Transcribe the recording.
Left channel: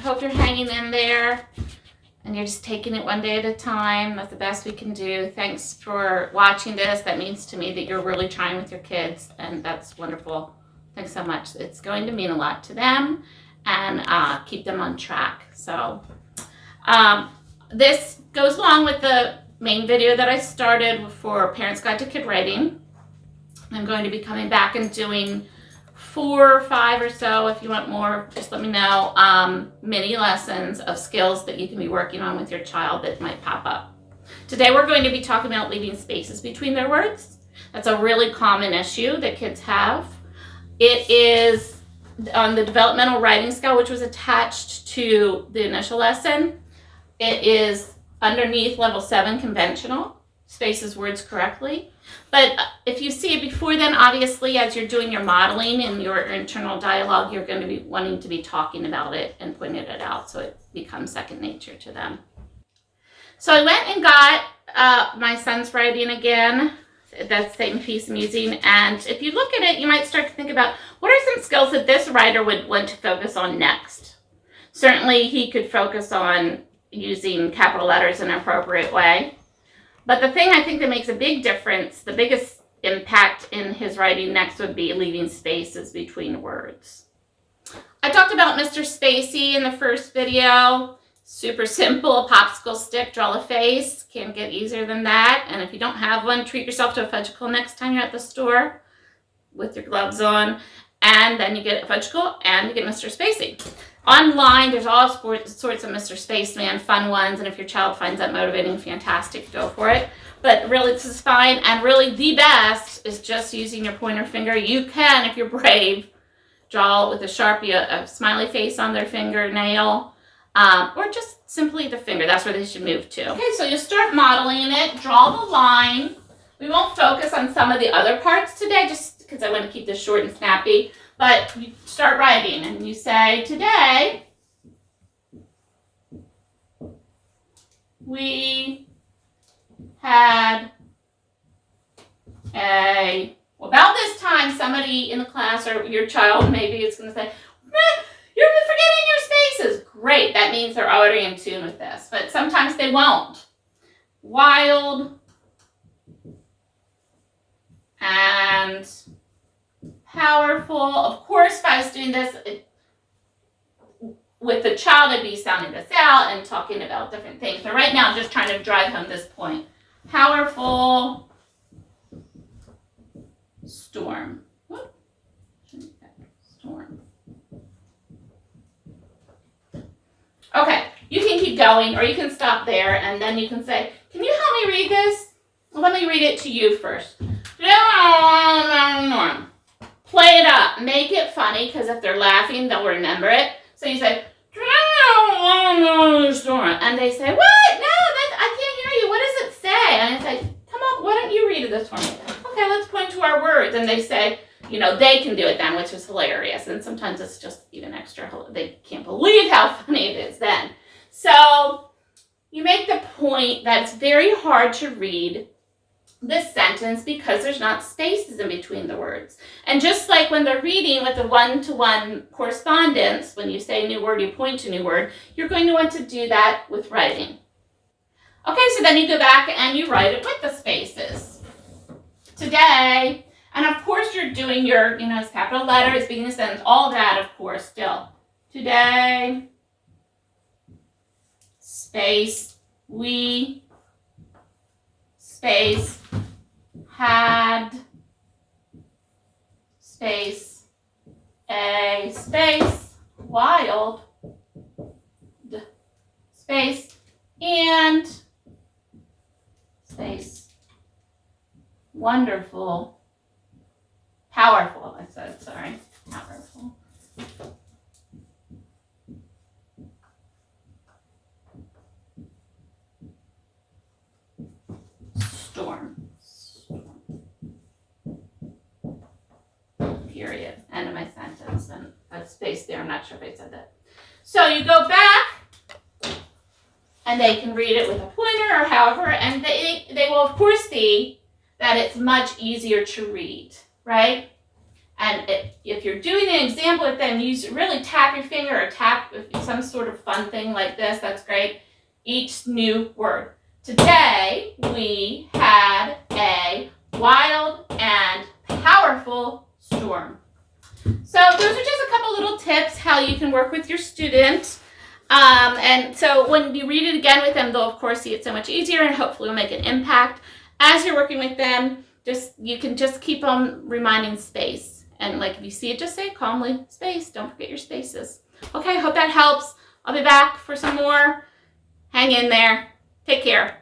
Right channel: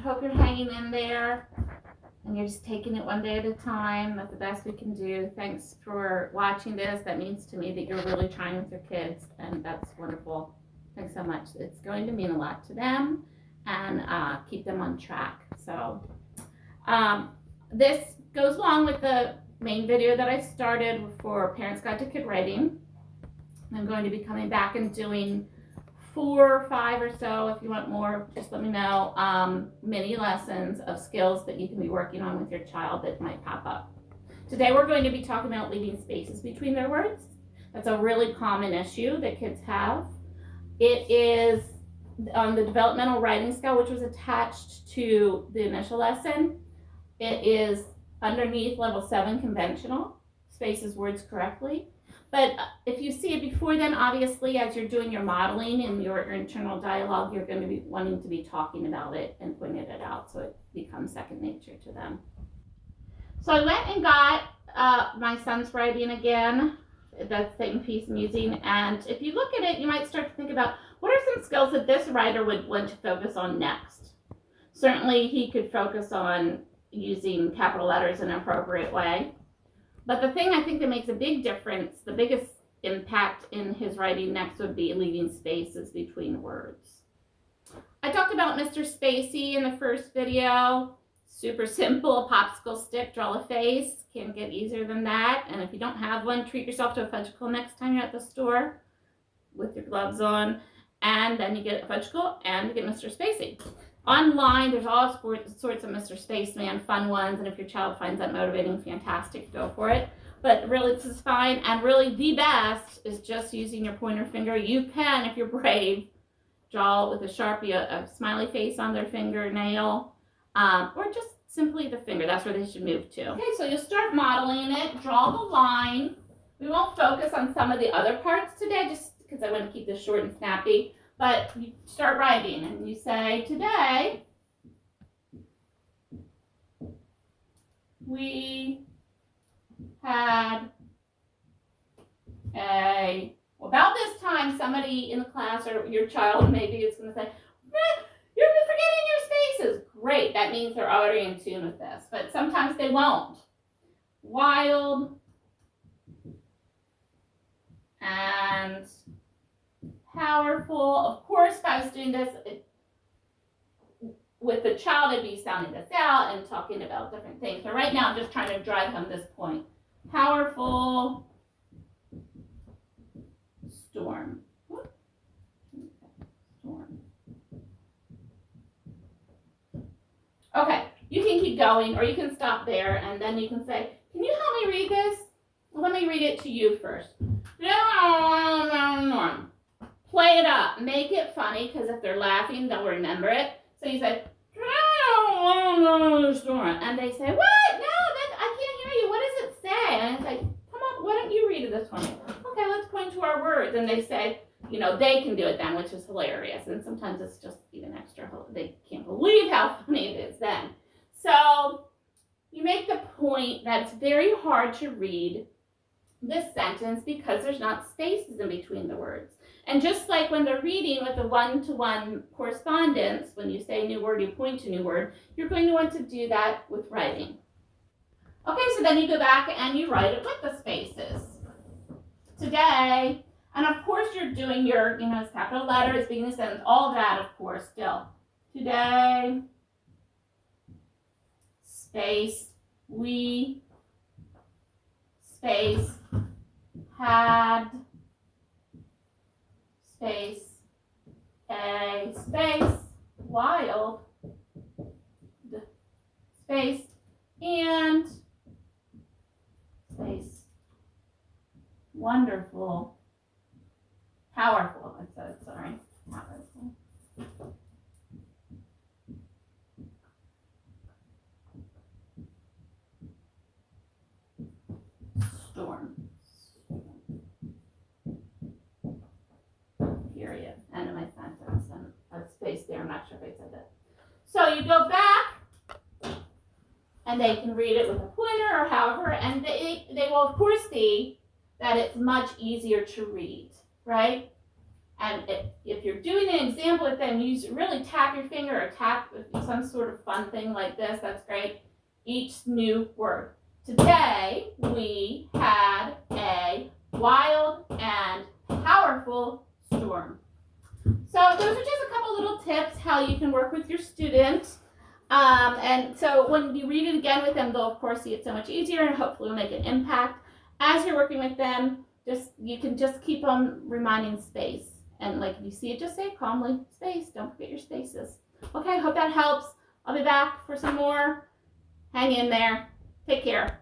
hope you're hanging in there and you're just taking it one day at a time. That's the best we can do. Thanks for watching this. That means to me that you're really trying with your kids, and that's wonderful. Thanks so much. It's going to mean a lot to them and keep them on track. So this goes along with the main video that I started for Parents Guide to Kid Writing. I'm going to be coming back and doing 4 or 5 or so. If you want more, just let me know. Mini lessons of skills that you can be working on with your child that might pop up. Today we're going to be talking about leaving spaces between their words. That's a really common issue that kids have. It is on the developmental writing scale, which was attached to the initial lesson. It is underneath level 7 conventional, spaces words correctly. But if you see it before then, obviously, as you're doing your modeling and your internal dialogue, you're going to be wanting to be talking about it and pointing it out so it becomes second nature to them. So I went and got my son's writing again, that same piece I'm using. And if you look at it, you might start to think about what are some skills that this writer would want to focus on next. Certainly, he could focus on using capital letters in an appropriate way. But the thing I think that makes a big difference, the biggest impact in his writing next would be leaving spaces between words. I talked about Mr. Spacey in the first video. Super simple, a popsicle stick, draw a face. Can't get easier than that. And if you don't have one, treat yourself to a fudgicle next time you're at the store with your gloves on. And then you get a fudgicle and you get Mr. Spacey. Online, there's all sorts of Mr. Spaceman fun ones, and if your child finds that motivating, fantastic, go for it. But really, this is fine, and really the best is just using your pointer finger. You can, if you're brave, draw with a Sharpie a smiley face on their fingernail, or just simply the finger. That's where they should move to. Okay, so you start modeling it, draw the line. We won't focus on some of the other parts today, just because I want to keep this short and snappy. But you start writing and you say, today we had about this time somebody in the class or your child maybe is going to say, you're forgetting your spaces. Great, that means they're already in tune with this, but sometimes they won't. Wild and powerful. Of course, if I was doing this with the child, I'd be sounding this out and talking about different things. But right now, I'm just trying to drive home this point. Powerful storm. Whoop. Storm. Okay, you can keep going, or you can stop there, and then you can say, can you help me read this? Well, let me read it to you first. Play it up. Make it funny, because if they're laughing, they'll remember it. So you say, and they say, what? No, I can't hear you. What does it say? And I say, come on, why don't you read this for me? Okay, let's point to our words. And they say, they can do it then, which is hilarious. And sometimes it's just even extra. They can't believe how funny it is then. So you make the point that it's very hard to read this sentence because there's not spaces in between the words. And just like when they're reading with the one-to-one correspondence, when you say a new word, you point to a new word, you're going to want to do that with writing. Okay, so then you go back and you write it with the spaces. Today, and of course you're doing your, capital letters, beginning of sentence, all that, of course, still. Today, space, we, space, had, space, a, space, wild, space, and, space, wonderful, powerful, I said, sorry, powerful. Storm. Period. End of my sentence. And a space there. I'm not sure if I said that. So you go back, and they can read it with a pointer or however, and they will of course see that it's much easier to read, right? And if you're doing an example with them, really tap your finger or tap some sort of fun thing like this. That's great. Each new word. Today, we had a wild and powerful storm. So those are just a couple little tips how you can work with your student. And so when you read it again with them, they'll of course see it so much easier and hopefully will make an impact. As you're working with them, you can just keep on reminding space. And like if you see it, just say it calmly, space. Don't forget your spaces. Okay, hope that helps. I'll be back for some more. Hang in there. Take care.